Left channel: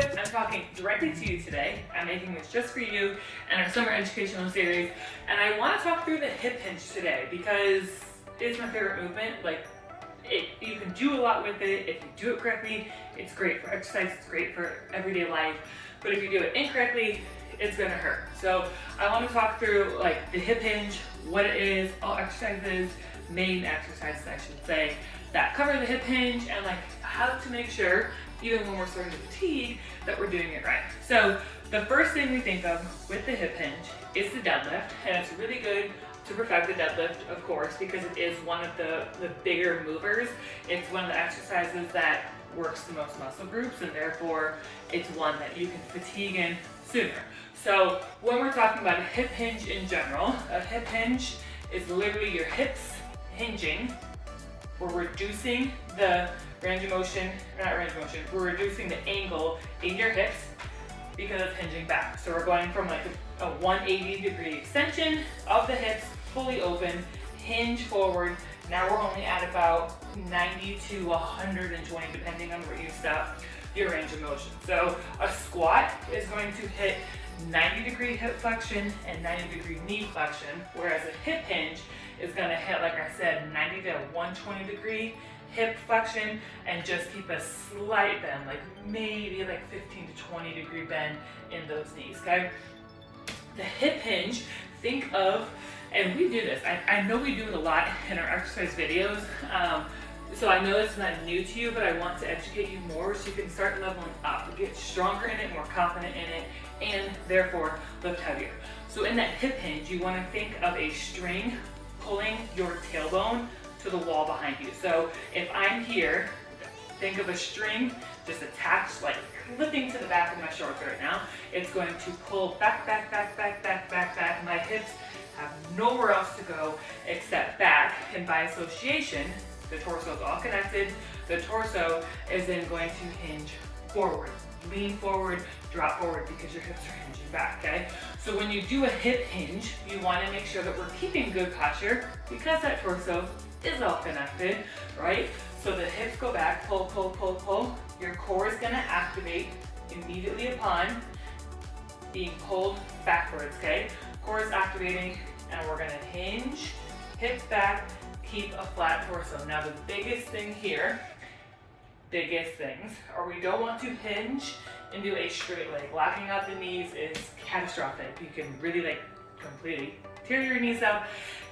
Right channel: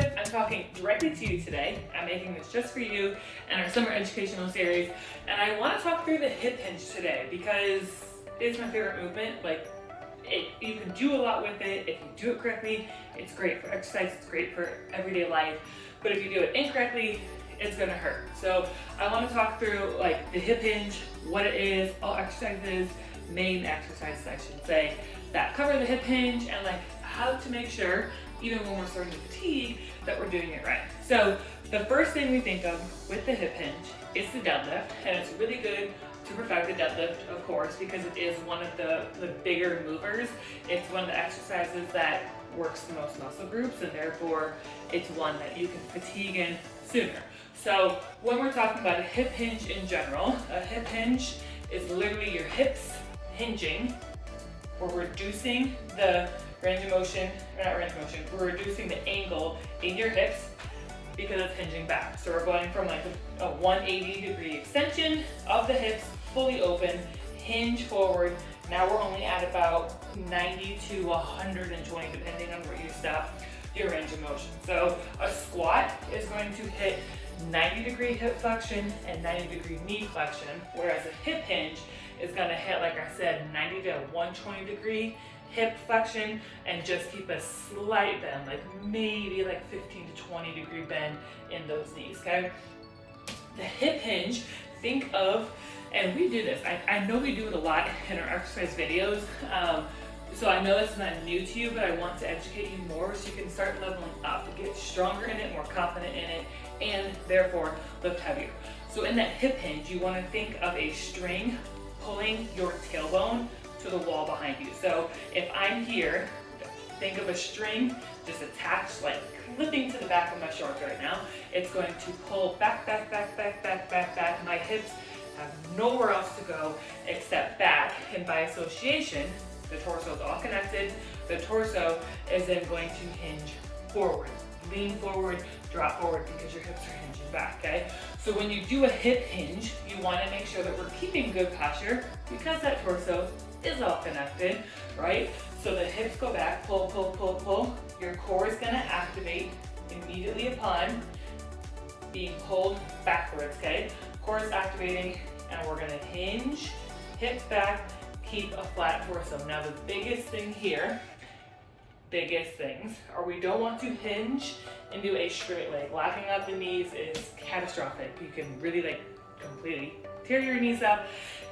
deadlift, I'm talking directly to you today. I'm making this just for you and our summer educational series. And I want to talk through the hip hinge today because it's my favorite movement. You can do a lot with it. If you do it correctly, it's great for exercise, it's great for everyday life. But if you do it incorrectly, it's gonna hurt. So I want to talk through the hip hinge, what it is, all exercises, main exercises I should say, that cover the hip hinge, and how to make sure, even when we're starting to fatigue, that we're doing it right. So the first thing we think of with the hip hinge is the deadlift, and it's really good to perfect the deadlift, of course, because it is one of the bigger movers. It's one of the exercises that works the most muscle groups, and therefore it's one that you can fatigue in sooner. So when we're talking about a hip hinge in general, a hip hinge is literally your hips hinging. We're reducing the range of motion, or not range of motion, we're reducing the angle in your hips because it's hinging back. So we're going from a 180-degree extension of the hips, fully open, hinge forward. Now we're only at about 90 to 120, depending on where you stop your range of motion. So a squat is going to hit 90-degree hip flexion and 90-degree knee flexion, whereas a hip hinge is going to hit, like I said, 90 to 120-degree hip flexion and just keep a slight bend, maybe 15 to 20-degree bend in those knees, okay? The hip hinge, think of, and we do this, I know we do it a lot in our exercise videos, so I know that's not new to you, but I want to educate you more so you can start leveling up, get stronger in it, more confident in it, and therefore lift heavier. So in that hip hinge, you want to think of a string pulling your tailbone to the wall behind you. So if I'm here, think of a string just attached, clipping to the back of my shorts right now. It's going to pull back, back, back, back, back, back, back. My hips have nowhere else to go except back, and by association, the torso is all connected. The torso is then going to hinge forward. Lean forward, drop forward, because your hips are hinging back, okay? So when you do a hip hinge, you want to make sure that we're keeping good posture because that torso is all connected, right? So the hips go back, pull, pull, pull, pull. Your core is going to activate immediately upon being pulled backwards, okay? Core is activating, and we're going to hinge, hips back, keep a flat torso. Now the biggest thing here, biggest things, are we don't want to hinge and do a straight leg. Locking out the knees is catastrophic. You can really completely tear your knees up.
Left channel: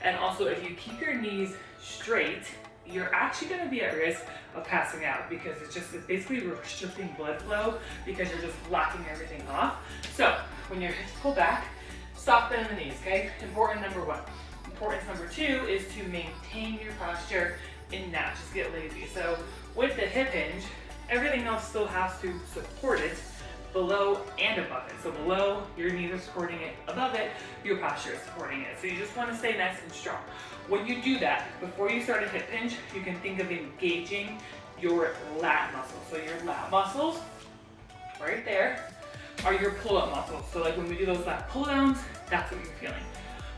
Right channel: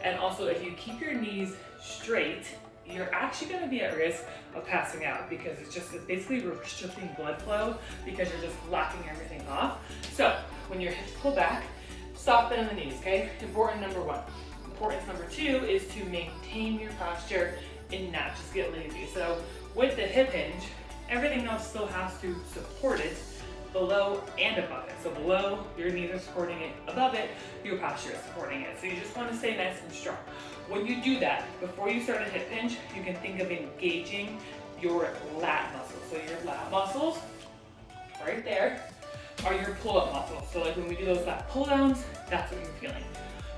And also if you keep your knees straight, you're actually going to be at risk of passing out because it's basically restricting blood flow because you're just locking everything off. So when your hips pull back, soft bend in the knees, okay? Important number one. Importance number two is to maintain your posture and not just get lazy. So with the hip hinge, everything else still has to support it below and above it. So below, your knees are supporting it. Above it, your posture is supporting it. So you just want to stay nice and strong. When you do that, before you start a hip hinge, you can think of engaging your lat muscles. So your lat muscles, right there, are your pull-up muscles. So when we do those lat pull-downs, that's what you're feeling.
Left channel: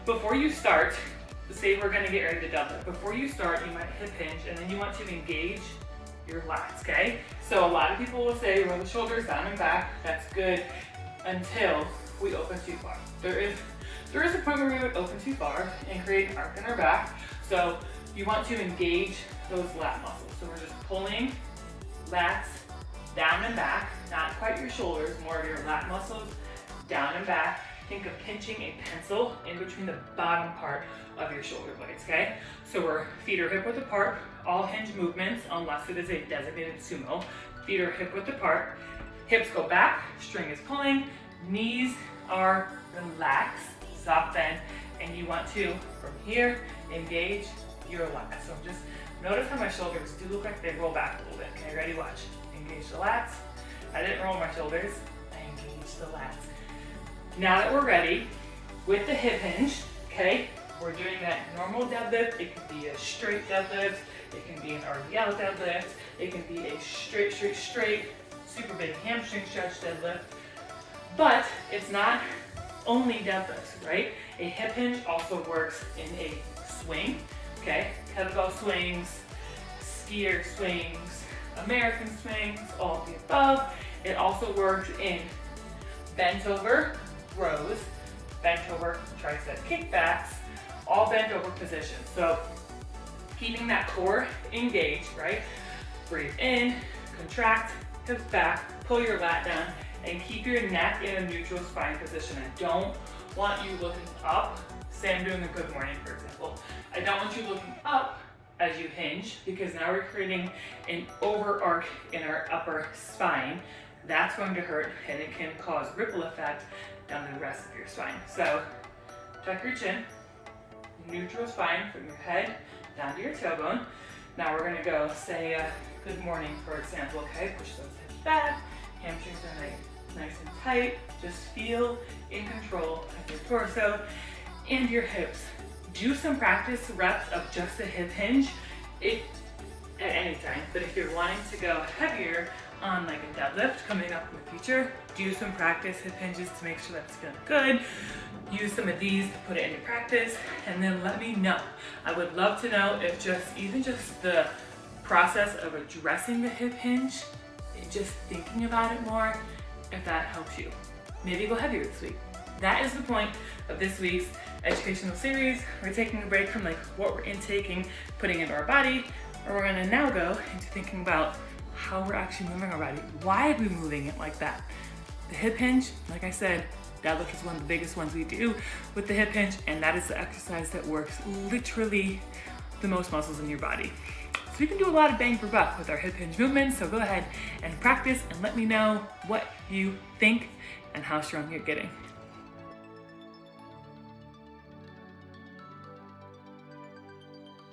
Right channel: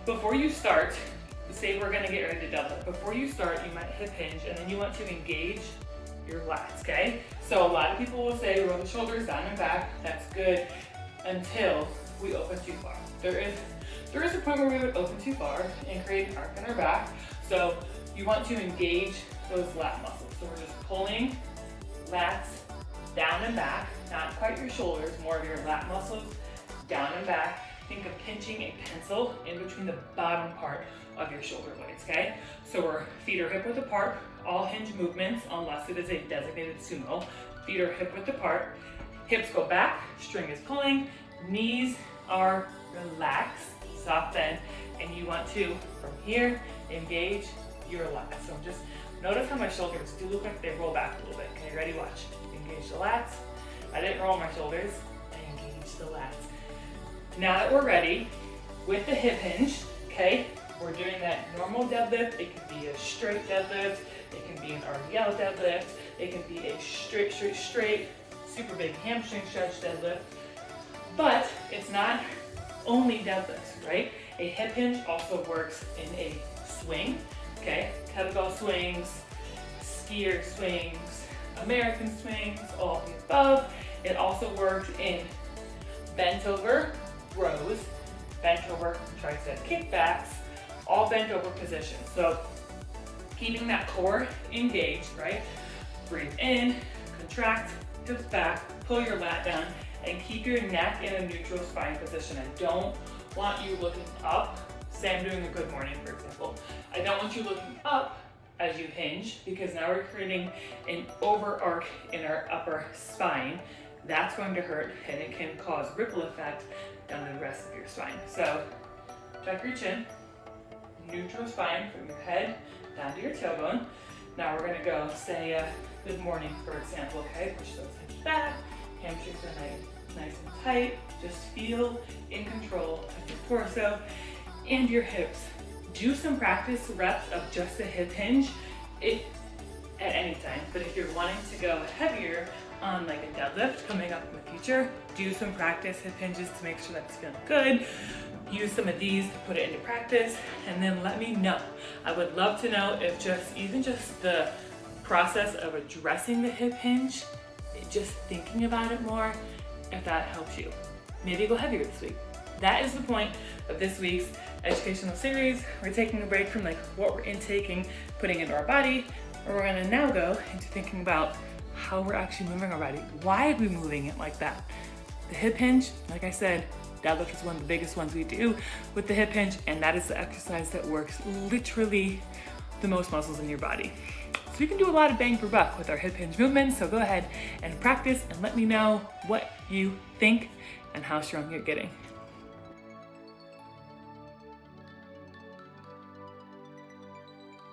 Before you start, say we're going to get ready to deadlift. Before you start, you might hip hinge, and then you want to engage your lats, okay? So a lot of people will say roll the shoulders down and back. That's good until we open too far. There is a point where we would open too far and create an arc in our back. So you want to engage those lat muscles. So we're just pulling lats down and back, not quite your shoulders, more of your lat muscles down and back. Think of pinching a pencil in between the bottom part of your shoulder blades, okay? So our feet are hip width apart, all hinge movements, unless it is a designated sumo. Feet are hip width apart, hips go back, string is pulling, knees are relaxed, soft bend, and you want to, from here, engage your lats. So just notice how my shoulders do look like they roll back a little bit. Okay, ready, watch. Engage the lats. I didn't roll my shoulders, I engaged the lats. Now that we're ready with the hip hinge, okay, we're doing that normal deadlift. It can be a straight deadlift. It can be an RDL deadlift. It can be a straight, super big hamstring stretch deadlift. But it's not only deadlifts, right? A hip hinge also works in a swing, okay? Kettlebell swings, skier swings, American swings, all of the above. It also works in bent over rows, bent over tricep kickbacks, all bent over positions. So keeping that core engaged, right? Breathe in, contract, hips back, pull your lat down, and keep your neck in a neutral spine position. I don't want you looking up. Say I'm doing a good morning, for example. I don't want you looking up as you hinge, because now we're creating an over arc in our upper spine. That's going to hurt, and it can cause ripple effect down the rest of your spine. So tuck your chin, neutral spine from your head down to your tailbone. Now we're gonna go say a good morning, for example, okay? Push those hips back, hamstrings are nice and tight. Just feel in control of your torso and your hips. Do some practice reps of just a hip hinge at any time, but if you're wanting to go heavier on like a deadlift coming up in the future, do some practice hip hinges to make sure that it's feeling good. Use some of these to put it into practice, and then let me know. I would love to know if even just the process of addressing the hip hinge, just thinking about it more, if that helps you. Maybe go heavier this week. That is the point of this week's educational series. We're taking a break from like what we're intaking, putting into our body, and we're gonna now go into thinking about how we're actually moving our body. Why are we moving it like that? The hip hinge, like I said, deadlift is one of the biggest ones we do with the hip hinge, and that is the exercise that works literally the most muscles in your body. So we can do a lot of bang for buck with our hip hinge movements, so go ahead and practice and let me know what you think and how strong you're getting.